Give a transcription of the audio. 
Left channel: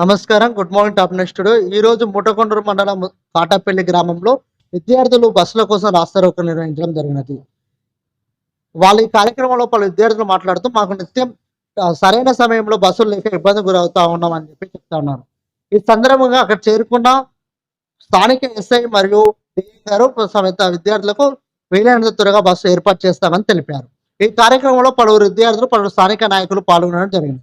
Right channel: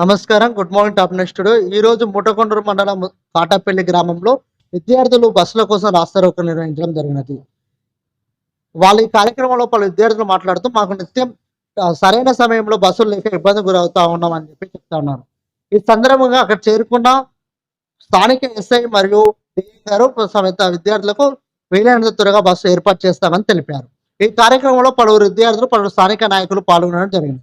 నమస్కారం good morning top నెక్స్టుడు ఈ రోజు ముటకొండూరు మండలం కాటాపల్లి గ్రామంలో విద్యార్థులు బస్సుల కోసం రాస్తారోకం నిర్వహించడం జరిగినది వాళ్ళ ఈ కార్యక్రమంలో పలు విద్యార్థులు మాట్లాడుతూ మాకు నిత్యం సరైన సమయంలో బస్సులు లేక ఇబ్బంది గురవుతా ఉన్నాం అని చెప్పి చెప్తా ఉన్నారు ఈ సందర్భంగా అక్కడ చేరుకున్న స్థానిక ఎస్ఐ మరియు గారు సమేత విద్యార్థులకు వీలైనంత త్వరగా బస్సు ఏర్పాటు చేస్తామని తెలిపారు ఈ కార్యక్రమంలో పలువురు విద్యార్థులు పలువురు స్థానిక నాయకులు పాల్గొనడం జరిగింది